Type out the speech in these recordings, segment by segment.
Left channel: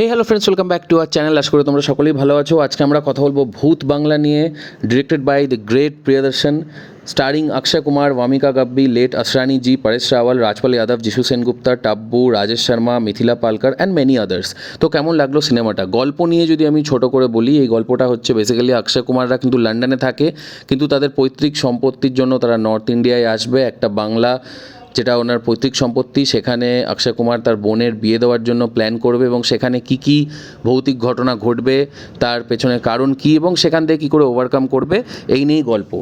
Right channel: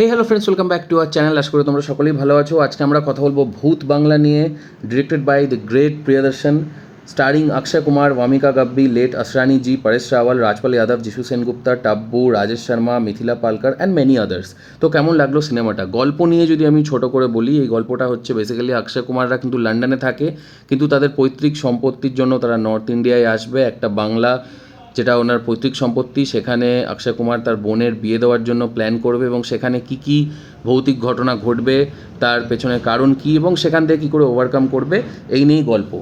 Hey hello friends, welcome back to our channel. আশা করি তোমরা সকলেই ভালো আছো। আজকে আমরা কথা বলবো ভূত বাংলা নিয়ে, directed by the great Priyadarshan, starring Akshay Kumar, Wamiqa Gabbi, late Asrani ji, Paresh Rawal, Rajpal Yadav, Jisshu Sengupta, Tabu, Rajesh Sharma, Mithila Palkar and many others. তো কেমন লাগলো সিনেমাটা? গল্প নিয়ে যদি আমি ছোট করে বলি, এই গল্পটা হচ্ছে বেসিক্যালি অক্ষয় কুমাররা কিন্তু লন্ডনে থাকে, কিন্তু তাদের পৈতৃক সম্পত্তির জন্য তারা নর্থ ইন্ডিয়ায় আসবে। একটা বাংলা যেটা ওনার পৈতৃক সম্পত্তি, সেখানে অক্ষয় কুমার তার বোনের বিয়ে দেওয়ার জন্য প্ল্যান করবে এবং সেখানে কি কি ভৌতিক ঘটনা ঘটবে, তার পেছনে কারণ কি এবং সেখান থেকে কী করে ওভারকাম করবে, এই নিয়েই গল্প।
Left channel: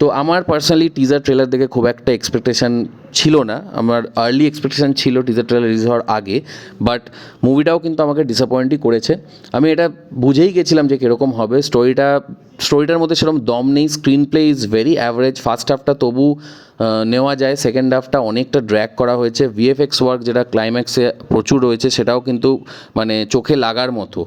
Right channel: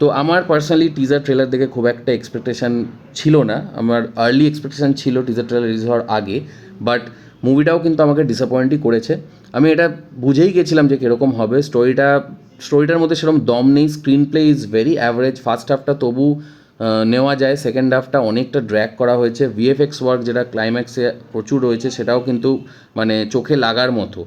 তো আমার পার্সোনালি টিজার ট্রেলার দেখে খুব একটা এক্সপেকটেশান ছিল না। আমার আর্লি এক্সপেকটেশান ছিল টিজার ট্রেলার রিলিজ হওয়ার আগে, বাট মুভিটাও কিন্তু আমাকে ডিসঅ্যাপয়েন্টই করেছে। আমি এটা বুঝেই গেছিলাম যে কীরকম হবে। স্টোরিটার মধ্যে সেরকম দম নেই। Screenplay is very average. First হাফটা তবু নেওয়া যায়, সেকেন্ড হাফটা অনেকটা ড্র্যাগ করা হয়েছে। ভিএফএক্স ওয়ার্ক যেটা ক্লাইম্যাক্সে প্রচুর রয়েছে, সেটাও কিন্তু মানে চোখে লাগার মতো।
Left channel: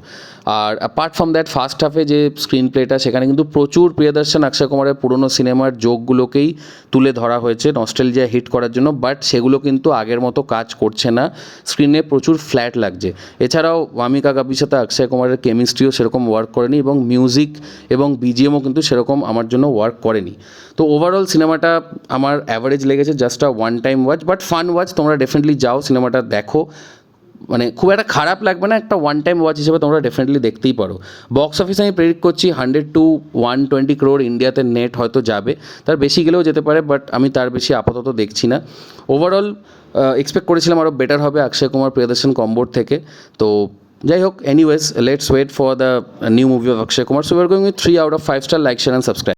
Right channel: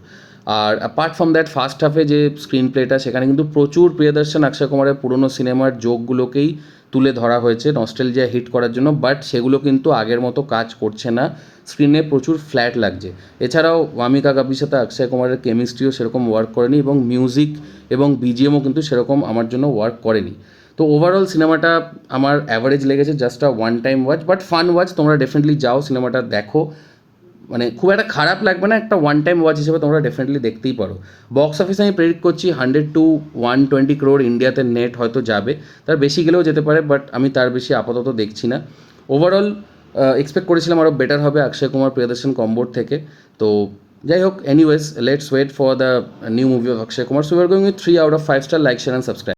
আর অ্যাপার্ট ফ্রম দ্যাট, ফার্স্ট হাফে যে স্ক্রিন প্লেটা, সেখানে কিন্তু প্রচুর প্রিয়দর্শন অক্ষয় কুমারের পুরনো সিনেমার জোকগুলোকেই তুলে ধরা হয়েছে নস্টালজিয়া হিট করার জন্য, বাট সেগুলো কিন্তু আগের মতো কাজ করছে না। স্ক্রিনে প্রচুর ফ্ল্যাট লাগছে। এছাড়াও ভামিকা গাব্বির সাথে অক্ষয় কুমারের কেমিস্ট্রিও সেরকম ওয়ার্ক করেনি এবং মিউজিক এবং বিজিএমও কিন্তু সেরকম আমার জন্য ওয়ার্ক করেনি। তো ওভারঅল সিনেমাটা আমার অ্যাভারেজ লেগেছে, just a one time watch, but fun watch. তোমরা ডেফিনেটলি যাও, সিনেমাটা দেখো, মানে খুব একটা খারাপ লাগবে না। একটা ওয়ান টাইম ওয়াচ হিসেবে তোমরা ডেফিনেটলি দেখতেই পারো। বক্স অফিসে আমি প্রেডিক্ট করছি 100 to 120 crore ইন্ডিয়াতে নেট হয়তো যাবে, তার বেশি গেলেও যেতে পারে, বাট আমি তার বেশি আপাতত দেখছি না। ওভারঅল এক্সপেক্ট করেছিলাম আরও বেটার হবে অক্ষয় কুমার প্রিয়দর্শন কম্বোর থেকে। তো যাই হোক, anyways, let's wait for the new movie of Akshay Kumar. So we are going with 3 out of 5 star. Like, share and subscribe.